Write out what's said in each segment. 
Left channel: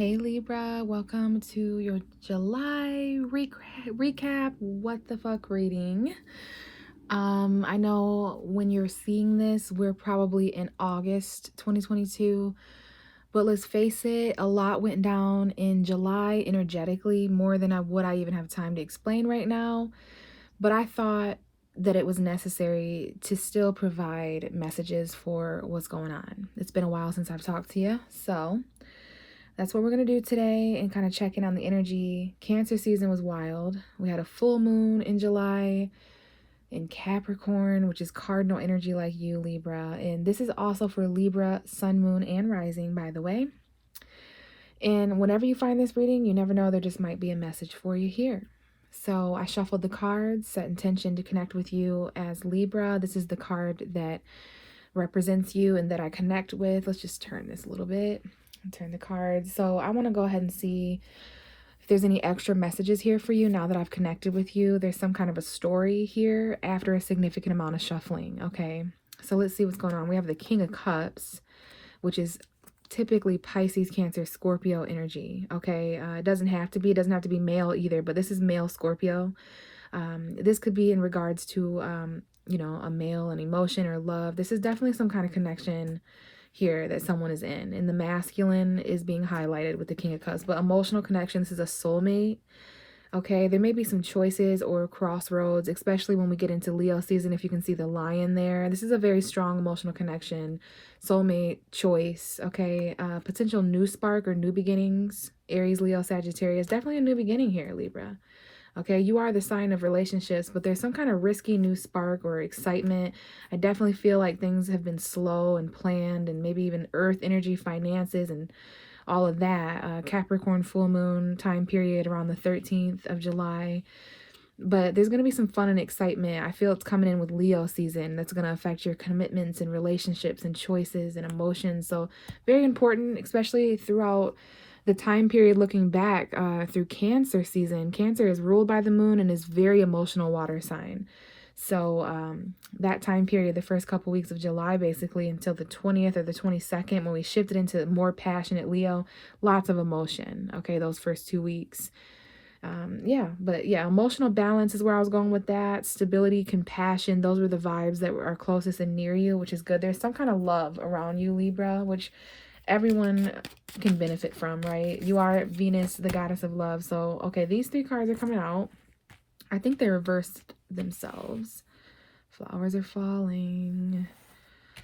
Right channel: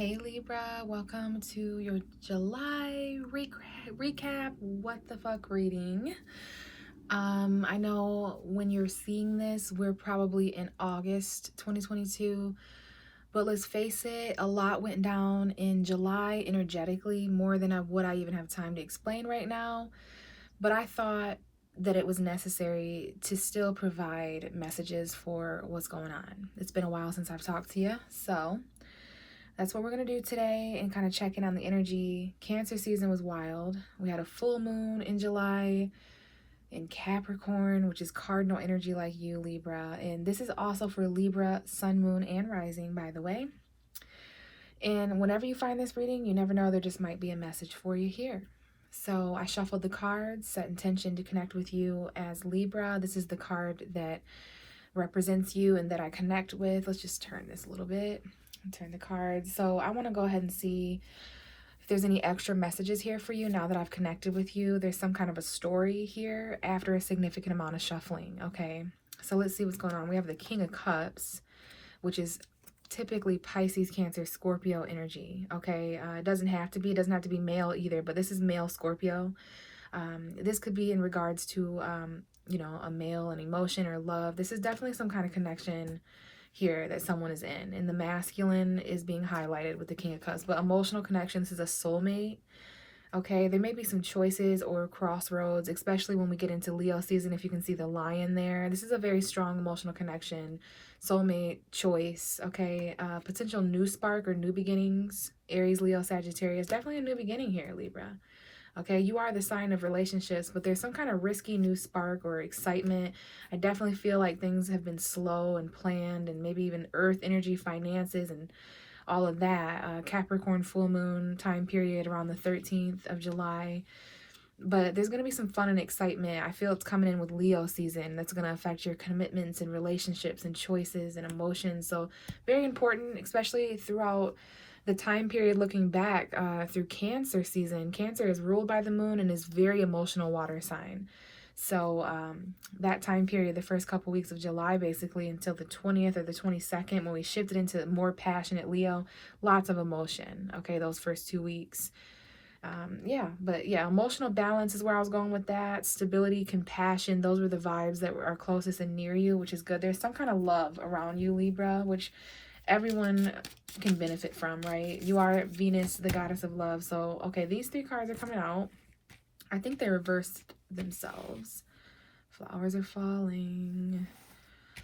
Hey Libra, welcome to your July recap what the fuck reading. I know when you're seeing this, we're probably in August 2022, but let's face it, a lot went down in July energetically, more than I even have time to explain right now. But I thought that it was necessary to still provide messages for what's going on. It's been a while since I've talked to you, so that's what we're going to do today and kind of check in on the energy. Cancer season was wild. We had a full moon in July in Capricorn, which is cardinal energy like you, Libra. And this is also for Libra, sun, moon, and rising, by the way. And whenever you find this reading, you never know, there just might be a message for you here. So I shuffled the cards, set intention to connect with you as Libra. This is the card that represents you and that I connect with. Let's just turn this a little bit. Turn the cards. So I want to go ahead and see if there's any extra messages here for you now that I've connected with you. There's some kind of a story here after a significant amount of shuffling. Okay, so let's see what's going on. We have the King of Cups, which is typically Pisces, Cancer, Scorpio energy. Okay, it doesn't have to be male either, but this is male Scorpio. This could be in regards to a male, an emotion or love. This is definitely some kind of connection here that someone is in, and the masculine is being highlighted with the King of Cups. But emotional connection, this is a soulmate. Okay, there may be some choices or crossroads, especially when we get into Leo season. If you can see the lion there, this is a very strong emotional connection, soulmate, choice. Okay, potential new spark or new beginnings. Aries, Leo, Sagittarius, definitely a new beginning here, Libra. Okay, you are the sign of relationships, but there's some kind of risky new spark or excitement. I definitely feel like things have been slow and planned, and maybe even earth energy, finances, and all of that. Capricorn full moon time period around the 13th of July. But there's going to be some fun and excitement. I feel it's coming in with Leo season. That's going to affect your commitments and relationships and choices and emotions. So very important, especially throughout the time period looking back through Cancer season. Cancer is ruled by the moon and is very emotional water sign. So that time period, the first couple weeks of July, basically until the 20th or the 22nd, when we shifted into more passionate Leo, lots of emotion. Okay, those first 2 weeks. Emotional balance is where I was going with that. Stability, compassion, those were the vibes that are closest and near you, which is good. There's some kind of love around you, Libra, which everyone can benefit from, right? You are Venus, the goddess of love. So, okay, these 3 cards are coming out. I think they reversed themselves. Flowers are falling.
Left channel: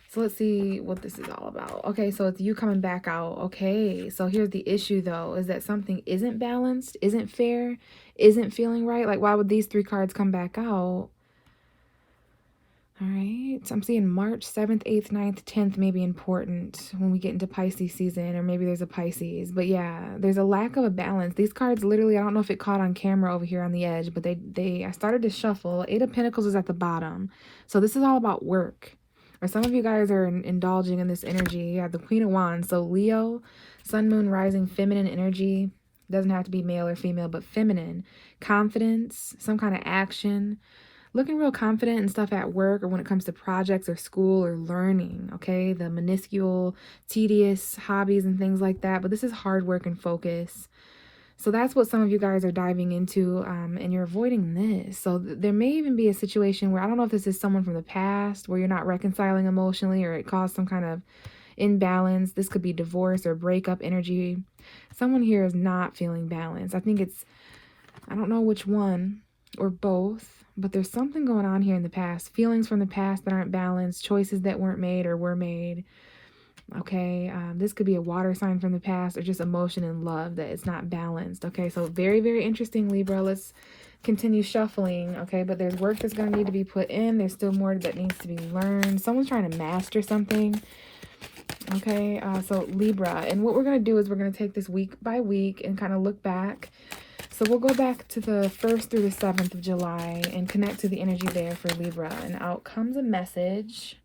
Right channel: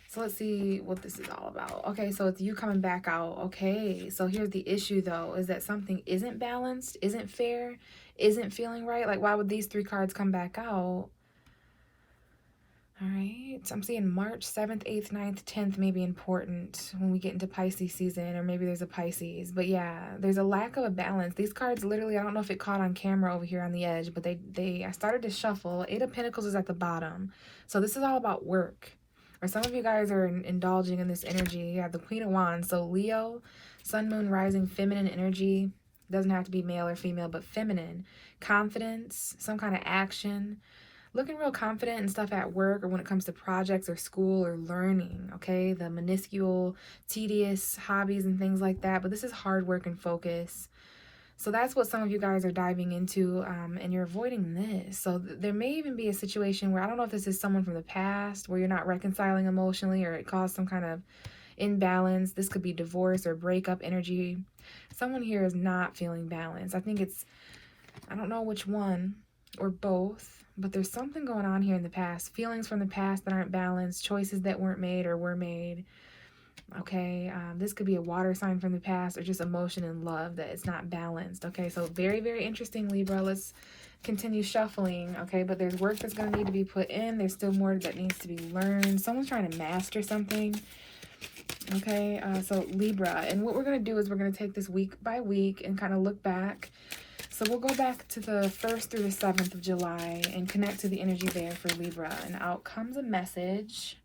So let's see what this is all about. Okay, so it's you coming back out. Okay, so here's the issue though, is that something isn't balanced, isn't fair, isn't feeling right. Like, why would these 3 cards come back out? All right, so I'm seeing March 7th, 8th, 9th, 10th may be important when we get into Pisces season, or maybe there's a Pisces. But yeah, there's a lack of a balance. These cards literally, I don't know if it caught on camera over here on the edge, but I started to shuffle. 8 of Pentacles is at the bottom. So this is all about work. Or some of you guys are indulging in this energy. You have the Queen of Wands. So Leo, Sun, Moon, Rising, feminine energy. Doesn't have to be male or female, but feminine. Confidence, some kind of action. Looking real confident and stuff at work or when it comes to projects or school or learning, okay? The minuscule, tedious hobbies and things like that. But this is hard work and focus. So that's what some of you guys are diving into, and you're avoiding this. So there may even be a situation where, I don't know if this is someone from the past where you're not reconciling emotionally or it caused some kind of imbalance. This could be divorce or breakup energy. Someone here is not feeling balanced. I think it's, I don't know which one or both, but there's something going on here in the past. Feelings from the past that aren't balanced, choices that weren't made or were made. Okay, this could be a water sign from the past or just emotion and love that is not balanced. Okay, so very, very interesting, Libra. Let's continue shuffling. Okay, but there's work that's going to need to be put in. There's still more that needs to be learned. Someone's trying to master something. Okay, so Libra. And what we're going to do is we're going to take this week by week and kind of look back. So we'll go back to the 1st through the 7th of July and connect to the energy there for Libra. And out comes a message.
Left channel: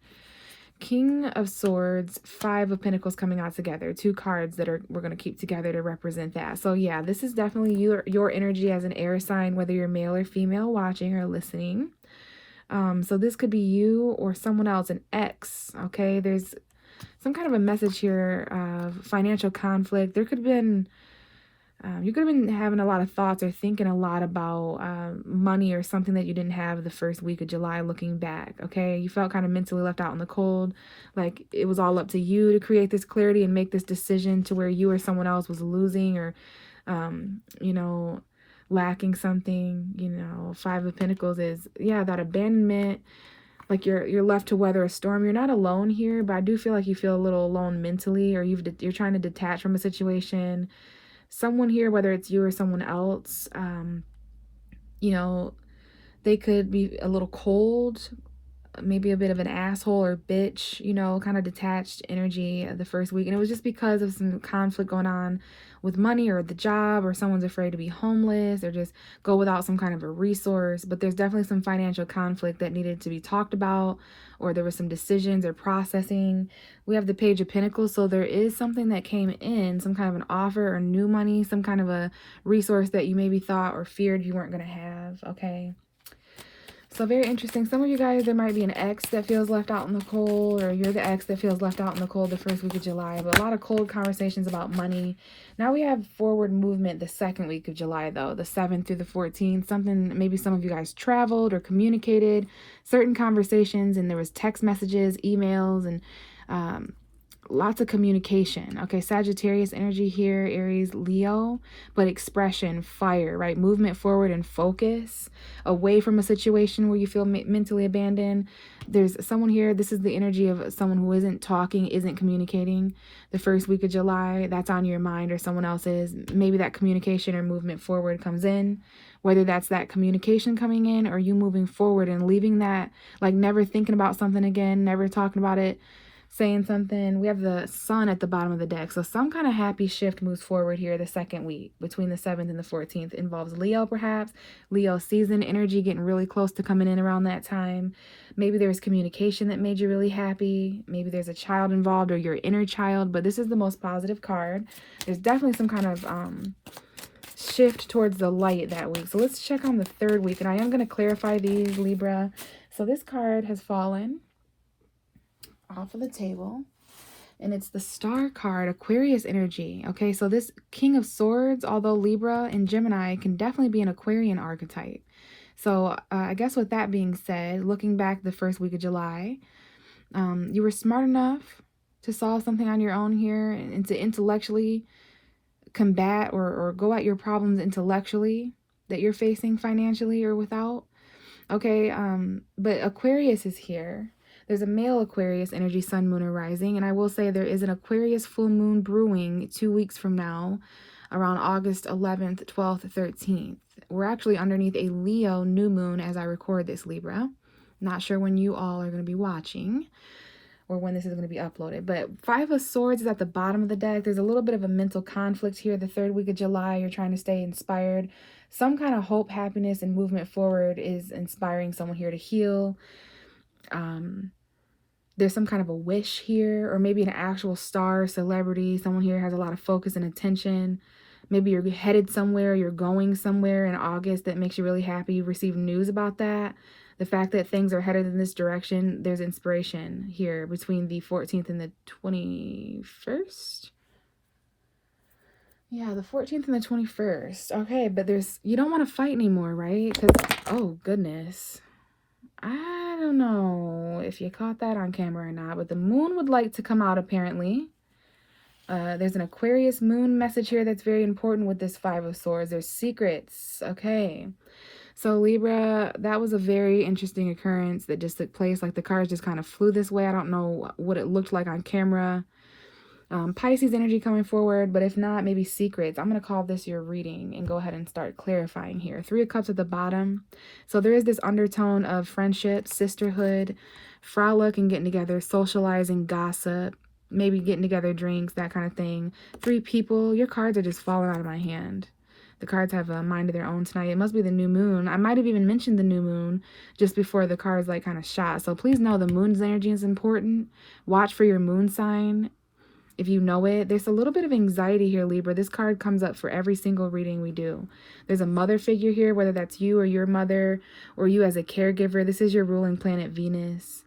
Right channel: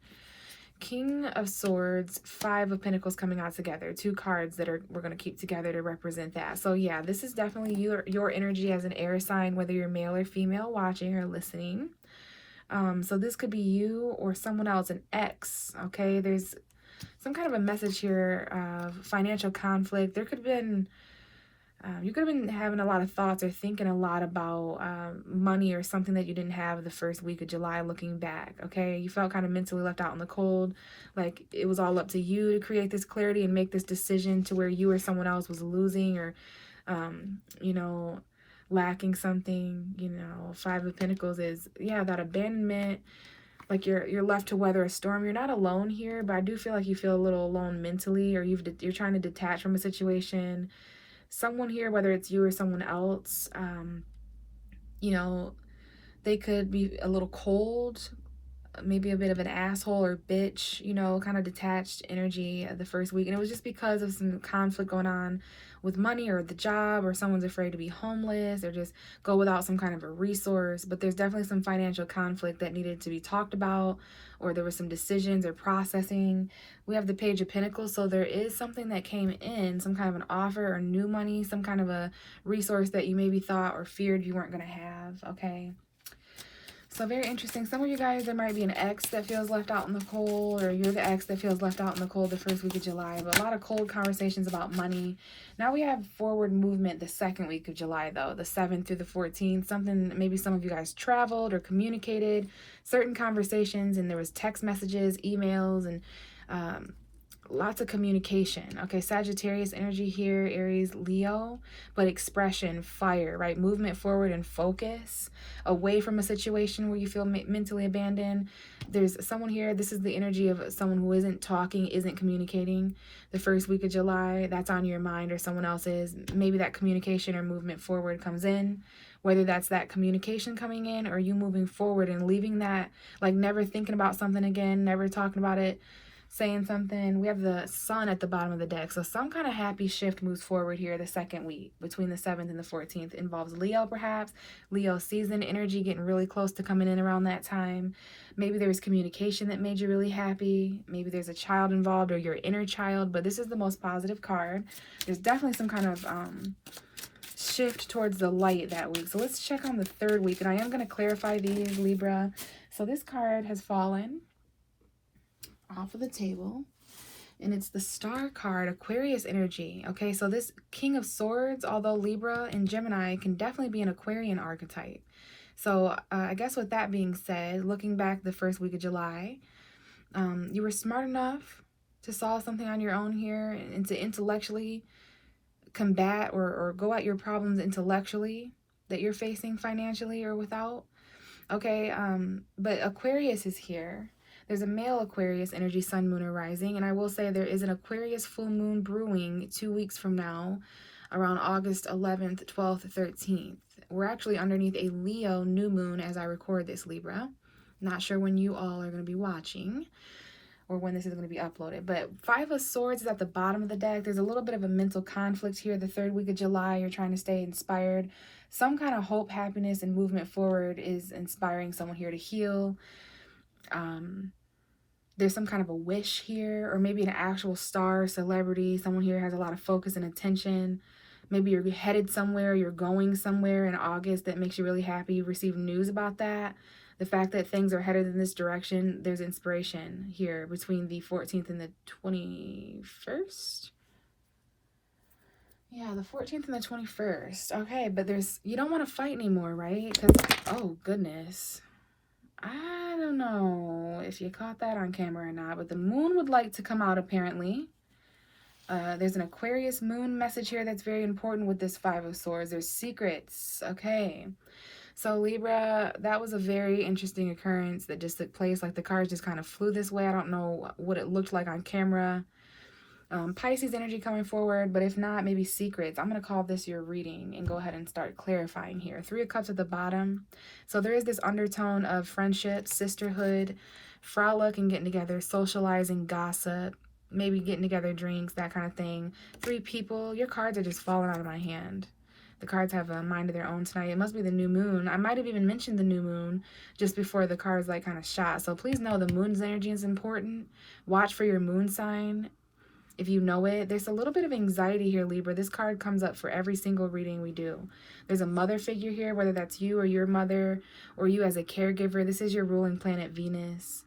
King of Swords, 5 of Pentacles coming out together. 2 cards that we're going to keep together to represent that. So yeah, this is definitely your energy as an air sign, whether you're male or female watching or listening. So this could be you or someone else, an ex. Okay, there's some kind of a message here of financial conflict. There could have been, you could have been having a lot of thoughts or thinking a lot about money or something that you didn't have the first week of July looking back, okay? You felt kind of mentally left out in the cold, like it was all up to you to create this clarity and make this decision to where you or someone else was losing or, you know, lacking something. You know, Five of Pentacles is, yeah, that abandonment. Like you're left to weather a storm. You're not alone here, but I do feel like you feel a little alone mentally, or you're trying to detach from a situation. Someone here, whether it's you or someone else, you know, they could be a little cold, maybe a bit of an asshole or bitch, you know, kind of detached energy the first week. And it was just because of some conflict going on with money or the job, or someone's afraid to be homeless or just go without some kind of a resource. But there's definitely some financial conflict that needed to be talked about, or there was some decisions or processing. We have the Page of Pentacles, so there is something that came in, some kind of an offer or new money, some kind of a resource that you maybe thought or feared you weren't going to have, okay? So very interesting. Some of you guys, there might be an ex that feels left out in the cold, or you're the ex that feels left out in the cold the first week of July. But a lot of cold conversations about money. Now we have forward movement the second week of July, though, the 7th through the 14th. Something, maybe some of you guys traveled or communicated certain conversations, and there was text messages, emails, and lots of communication. Okay, Sagittarius energy here, Aries, Leo, but expression, fire, right? Movement forward and focus away from a situation where you feel mentally abandoned. There's someone here, this is the energy of someone who isn't talking, isn't communicating the first week of July. That's on your mind, or someone else's. Maybe that communication or movement forward comes in, whether that's that communication coming in or you moving forward and leaving that, like never thinking about something again, never talking about it, saying something. We have the Sun at the bottom of the deck. So some kind of happy shift moves forward here the second week between the 7th and the 14th. Involves Leo, perhaps. Leo season energy getting really close to coming in around that time. Maybe there's communication that made you really happy. Maybe there's a child involved or your inner child. But this is the most positive card. There's definitely some kind of shift towards the light that week. So let's check on the third week. And I am going to clarify these, Libra. So this card has fallen off of the table, and it's the Star card, Aquarius energy. Okay, so this King of Swords, although Libra and Gemini, can definitely be an Aquarian archetype. So I guess with that being said, looking back the first week of July, you were smart enough to solve something on your own here and to intellectually combat or go at your problems intellectually that you're facing financially or without. Okay, but Aquarius is here. There's a male Aquarius energy, Sun, Moon, or Rising. And I will say there is an Aquarius full moon brewing 2 weeks from now, around August 11th, 12th, 13th. We're actually underneath a Leo new moon as I record this, Libra. Not sure when you all are going to be watching or when this is going to be uploaded. But Five of Swords is at the bottom of the deck. There's a little bit of a mental conflict here. The third week of July, you're trying to stay inspired. Some kind of hope, happiness, and movement forward is inspiring someone here to heal. There's some kind of a wish here, or maybe an actual star, celebrity. Someone here has a lot of focus and attention. Maybe you're headed somewhere, you're going somewhere in August that makes you really happy. You receive news about that. The fact that things are headed in this direction, there's inspiration here between the 14th and the 21st. Yeah, the 14th and the 21st. Okay, but you don't want to fight anymore, right? Because, oh, goodness. I don't know if you caught that on camera or not, but the moon would like to come out apparently. There's an Aquarius moon message here that's very important with this Five of Swords. There's secrets. Okay. So Libra, that was a very interesting occurrence that just took place. Like the cards just kind of flew this way. I don't know what it looked like on camera. Pisces energy coming forward, but if not, maybe secrets. I'm going to call this your reading and go ahead and start clarifying here. Three of Cups at the bottom. So there is this undertone of friendship, sisterhood, frolic and getting together, socializing, gossip, maybe getting together, drinks, that kind of thing. Three people. Your cards are just falling out of my hand. The cards have a mind of their own tonight. It must be the new moon. I might have even mentioned the new moon just before the cards like kind of shot. So please know the moon's energy is important. Watch for your moon sign. If you know it, there's a little bit of anxiety here, Libra. This card comes up for every single reading we do. There's a mother figure here, whether that's you or your mother or you as a caregiver. This is your ruling planet, Venus.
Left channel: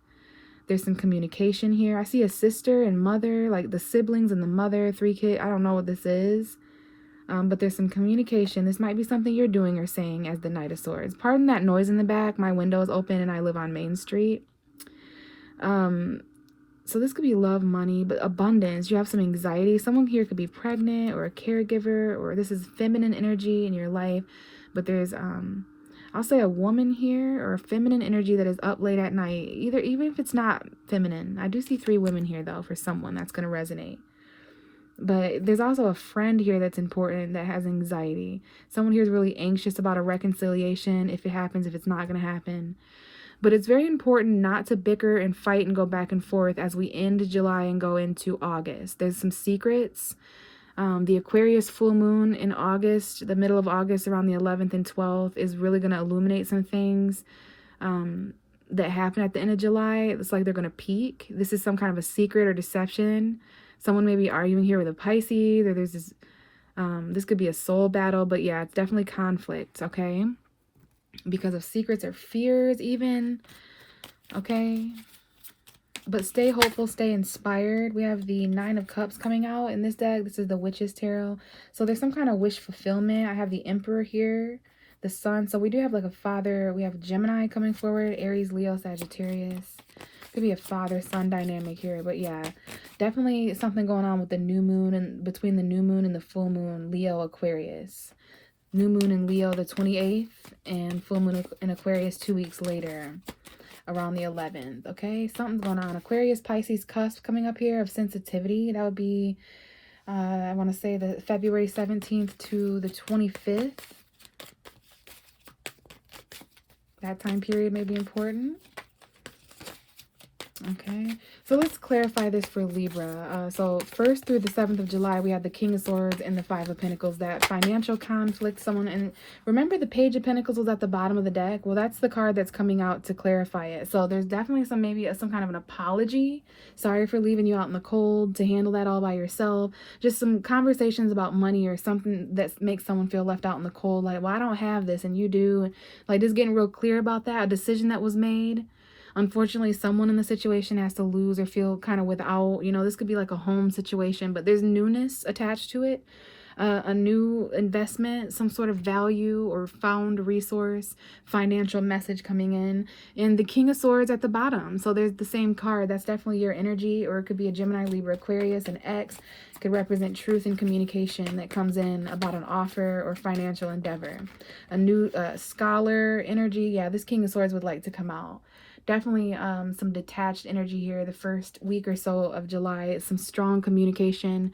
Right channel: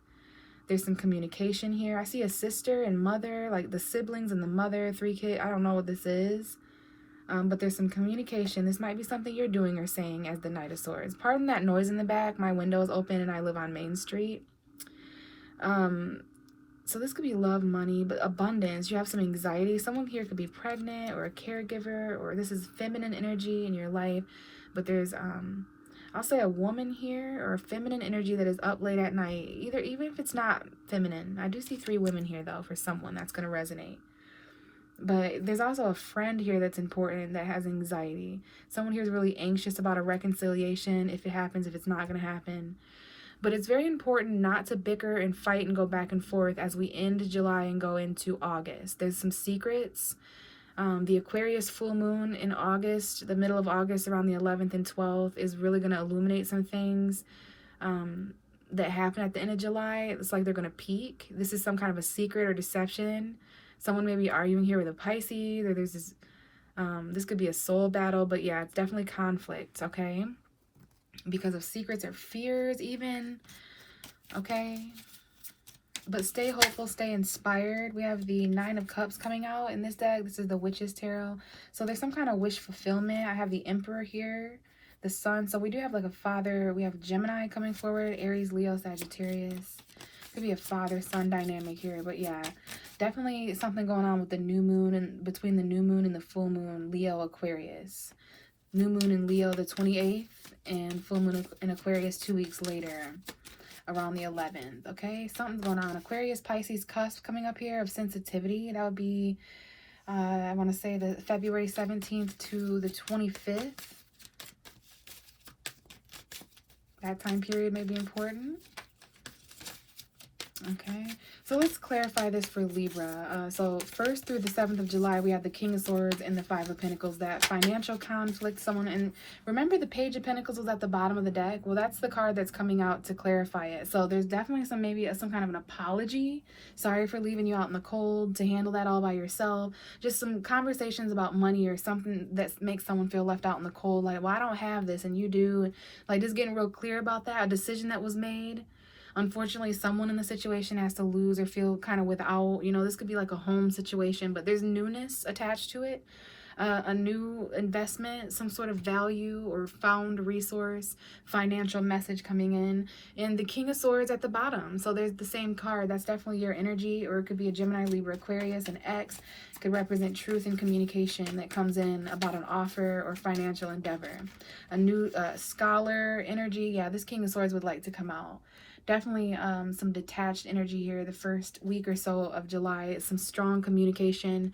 There's some communication here. I see a sister and mother, like the siblings and the mother, 3 kids. I don't know what this is. But there's some communication. This might be something you're doing or saying as the Knight of Swords. Pardon that noise in the back. My window is open and I live on Main Street. So this could be love, money, but abundance. You have some anxiety. Someone here could be pregnant or a caregiver, or this is feminine energy in your life. But there's, I'll say a woman here or a feminine energy that is up late at night. Even if it's not feminine. I do see 3 women here though for someone that's going to resonate. But there's also a friend here that's important that has anxiety. Someone here is really anxious about a reconciliation, if it happens, if it's not going to happen. But it's very important not to bicker and fight and go back and forth as we end July and go into August. There's some secrets. The Aquarius full moon in August, the middle of August around the 11th and 12th, is really going to illuminate some things that happen at the end of July. It's like they're going to peak. This is some kind of a secret or deception. Someone may be arguing here with a Pisces, or there's this, this could be a soul battle, but yeah, it's definitely conflict, okay? Because of secrets or fears even, okay? But stay hopeful, stay inspired. We have the 9 of Cups coming out in this deck. This is the Witch's Tarot. So there's some kind of wish fulfillment. I have the Emperor here, the Sun. So we do have like a father. We have Gemini coming forward, Aries, Leo, Sagittarius. Could be a father-son dynamic here, but yeah, definitely something going on with the new moon and between the new moon and the full moon, Leo, Aquarius. New moon in Leo the 28th and full moon in Aquarius 2 weeks later around the 11th, okay? Something's going on. Aquarius, Pisces cusp coming up here of sensitivity. That would be, I want to say the February 17th to the 25th. That time period may be important. Okay, so let's clarify this for Libra. So 1st through the 7th of July, we have the King of Swords and the 5 of Pentacles, that financial conflict, someone, and remember the Page of Pentacles was at the bottom of the deck? Well, that's the card that's coming out to clarify it. So there's definitely some kind of an apology. Sorry for leaving you out in the cold to handle that all by yourself. Just some conversations about money or something that makes someone feel left out in the cold. Like, well, I don't have this and you do. Like, just getting real clear about that, a decision that was made. Unfortunately, someone in the situation has to lose or feel kind of without, you know, this could be like a home situation, but there's newness attached to it, a new investment, some sort of value or found resource, financial message coming in, and the King of Swords at the bottom. So there's the same card. That's definitely your energy, or it could be a Gemini, Libra, Aquarius, an X. It could represent truth and communication that comes in about an offer or financial endeavor. A new scholar energy. Yeah, this King of Swords would like to come out. Definitely some detached energy here the first week or so of July. Some strong communication.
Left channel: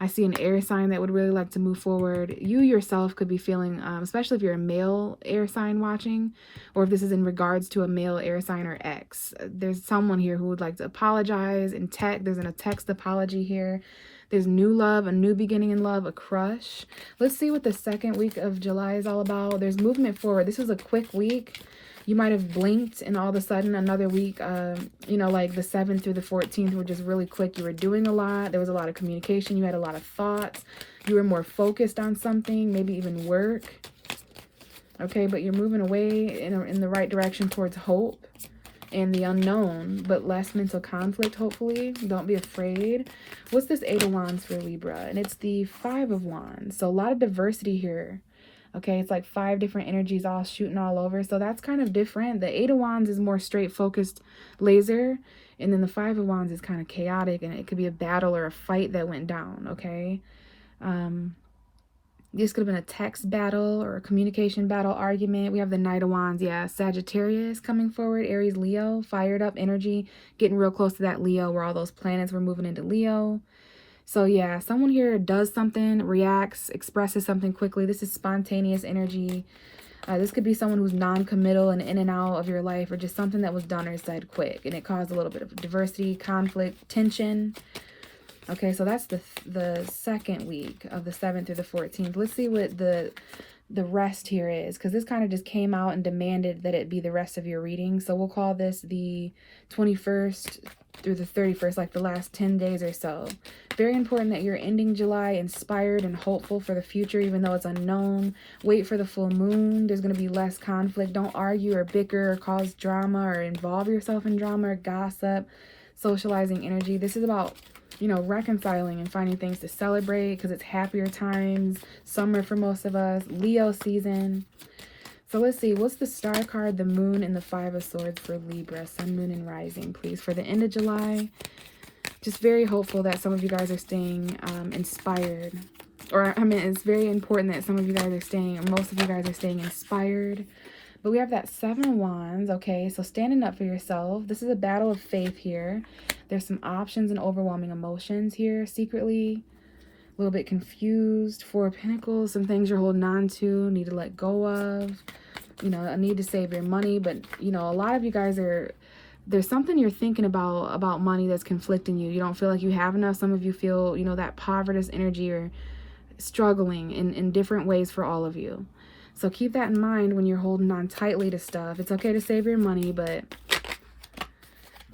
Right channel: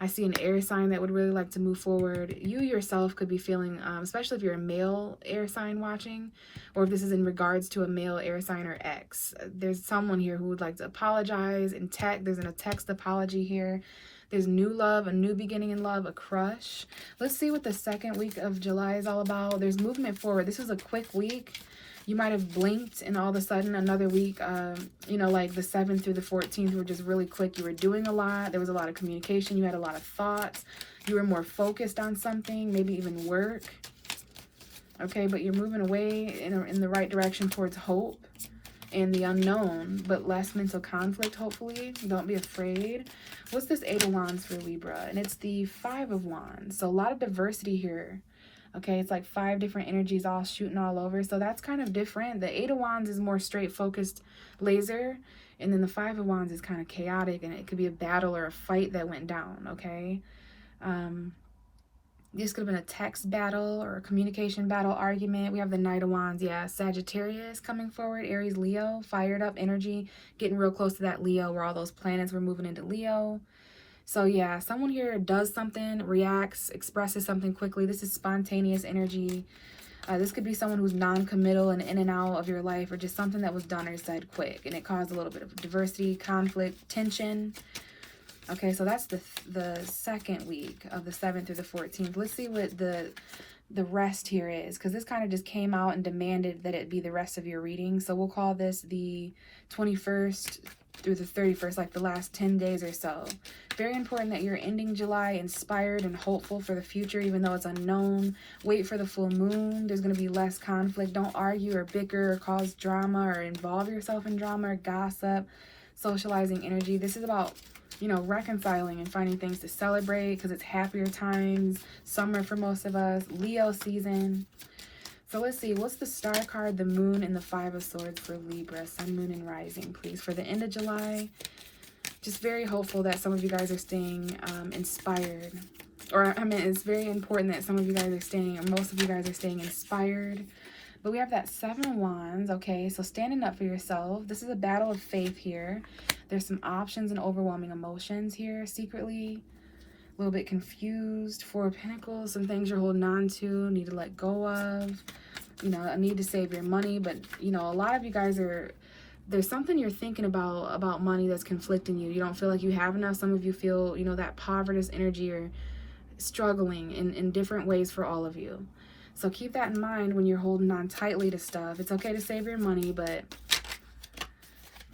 I see an air sign that would really like to move forward. You yourself could be feeling, especially if you're a male air sign watching, or if this is in regards to a male air sign or ex. There's someone here who would like to apologize in text. There's a text apology here. There's new love, a new beginning in love, a crush. Let's see what the second week of July is all about. There's movement forward. This is a quick week. You might have blinked and all of a sudden another week, you know, like the 7th through the 14th were just really quick. You were doing a lot. There was a lot of communication. You had a lot of thoughts. You were more focused on something, maybe even work. Okay, but you're moving away in the right direction towards hope and the unknown, but less mental conflict, hopefully. Don't be afraid. What's this 8 of Wands for Libra? And it's the 5 of Wands. So a lot of diversity here. Okay, it's like 5 different energies all shooting all over. So that's kind of different. The 8 of Wands is more straight focused laser. And then the 5 of Wands is kind of chaotic. And it could be a battle or a fight that went down. Okay. This could have been a text battle or a communication battle argument. We have the Knight of Wands. Yeah, Sagittarius coming forward. Aries, Leo. Fired up energy. Getting real close to that Leo where all those planets were moving into Leo. So yeah, someone here does something, reacts, expresses something quickly. This is spontaneous energy. This could be someone who's non-committal and in and out of your life, or just something that was done or said quick, and it caused a little bit of diversity, conflict, tension. Okay, so that's the second week of the 7th through the 14th. Let's see what the rest here is, because this kind of just came out and demanded that it be the rest of your reading. So we'll call this the 21st through the 31st, like the last 10 days or so. Very important that you're ending July inspired and hopeful for the future, even though it's unknown. Wait for the full moon. There's going to be less conflict. Don't argue or bicker or cause drama or involve yourself in drama or gossip, socializing energy. This is about, you know, reconciling and finding things to celebrate because it's happier times, summer for most of us, Leo season. So let's see, what's the star card, the moon, and the 5 of swords for Libra, sun, moon, and rising, please, for the end of July? Just very hopeful that some of you guys are staying inspired. Or, I mean, it's very important that some of you guys are staying, or most of you guys are staying inspired. But we have that 7 of wands, okay? So standing up for yourself. This is a battle of faith here. There's some options and overwhelming emotions here, secretly. A little bit confused. 4 of Pentacles, some things you're holding on to, need to let go of. You know, a need to save your money. But, you know, a lot of you guys are, there's something you're thinking about money that's conflicting you. You don't feel like you have enough. Some of you feel, you know, that poverty energy or struggling in different ways for all of you. So keep that in mind when you're holding on tightly to stuff. It's okay to save your money, but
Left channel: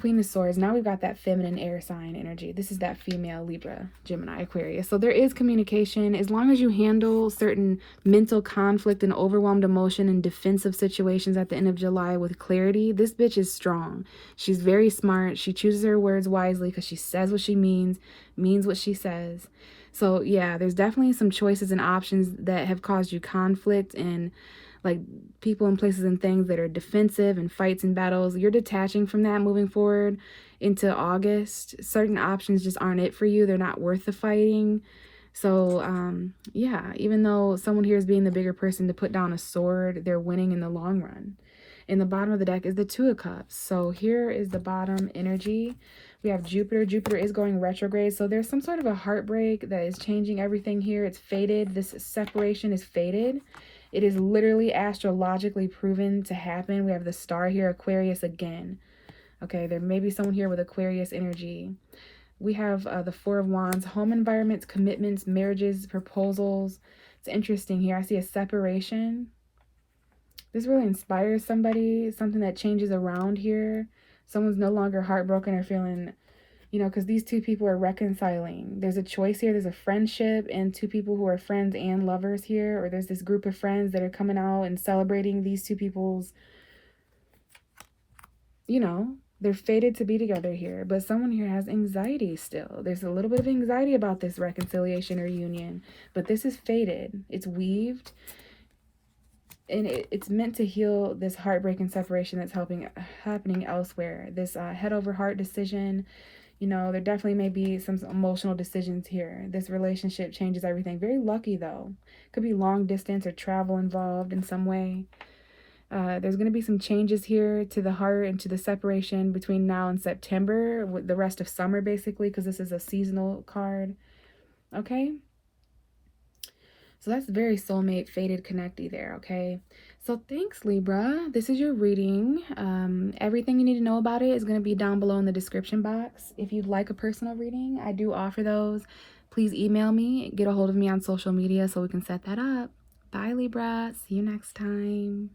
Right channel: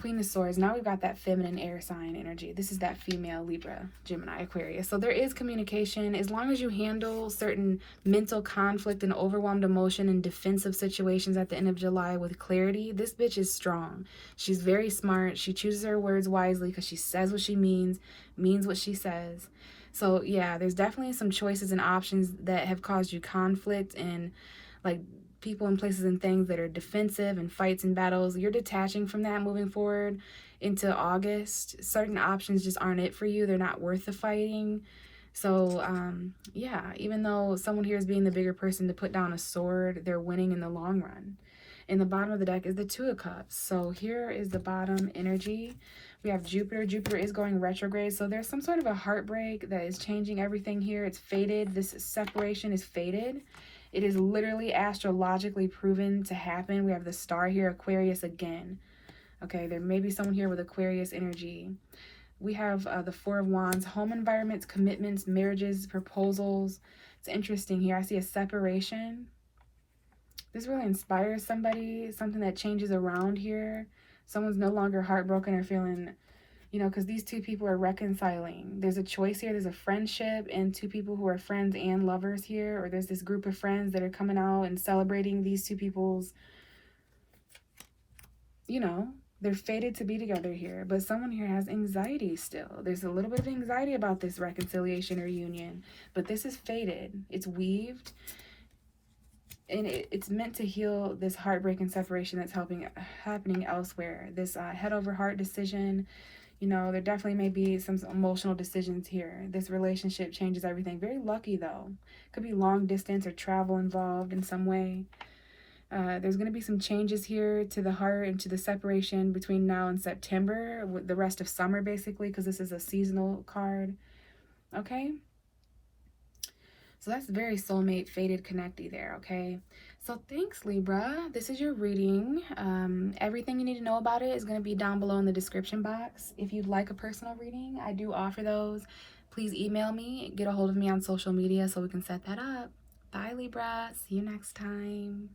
Queen of Swords, now we've got that feminine air sign energy. This is that female Libra, Gemini, Aquarius. So there is communication. As long as you handle certain mental conflict and overwhelmed emotion and defensive situations at the end of July with clarity, this bitch is strong. She's very smart. She chooses her words wisely because she says what she means what she says. So yeah, there's definitely some choices and options that have caused you conflict and like people and places and things that are defensive and fights and battles. You're detaching from that moving forward into August. Certain options just aren't it for you. They're not worth the fighting. So yeah, even though someone here is being the bigger person to put down a sword, they're winning in the long run. In the bottom of the deck is the 2 of Cups. So here is the bottom energy. We have Jupiter. Jupiter is going retrograde. So there's some sort of a heartbreak that is changing everything here. It's fated. This separation is fated. It is literally astrologically proven to happen. We have the star here, Aquarius again. Okay, there may be someone here with Aquarius energy. We have the 4 of Wands, home environments, commitments, marriages, proposals. It's interesting here. I see a separation. This really inspires somebody, something that changes around here. Someone's no longer heartbroken or feeling, you know, because these 2 people are reconciling. There's a choice here. There's a friendship and 2 people who are friends and lovers here. Or there's this group of friends that are coming out and celebrating these 2 people's, you know, they're fated to be together here. But someone here has anxiety still. There's a little bit of anxiety about this reconciliation or union. But this is fated. It's weaved. And it's meant to heal this heartbreak and separation that's happening elsewhere. This head over heart decision. You know, there definitely may be some emotional decisions here. This relationship changes everything. Very lucky, though. Could be long distance or travel involved in some way. There's going to be some changes here to the heart and to the separation between now and September, with the rest of summer, basically, because this is a seasonal card. Okay? So that's very soulmate, fated, connecty there, okay? So thanks, Libra. This is your reading. Everything you need to know about it is going to be down below in the description box. If you'd like a personal reading, I do offer those. Please email me, get a hold of me on social media so we can set that up. Bye, Libra. See you next time.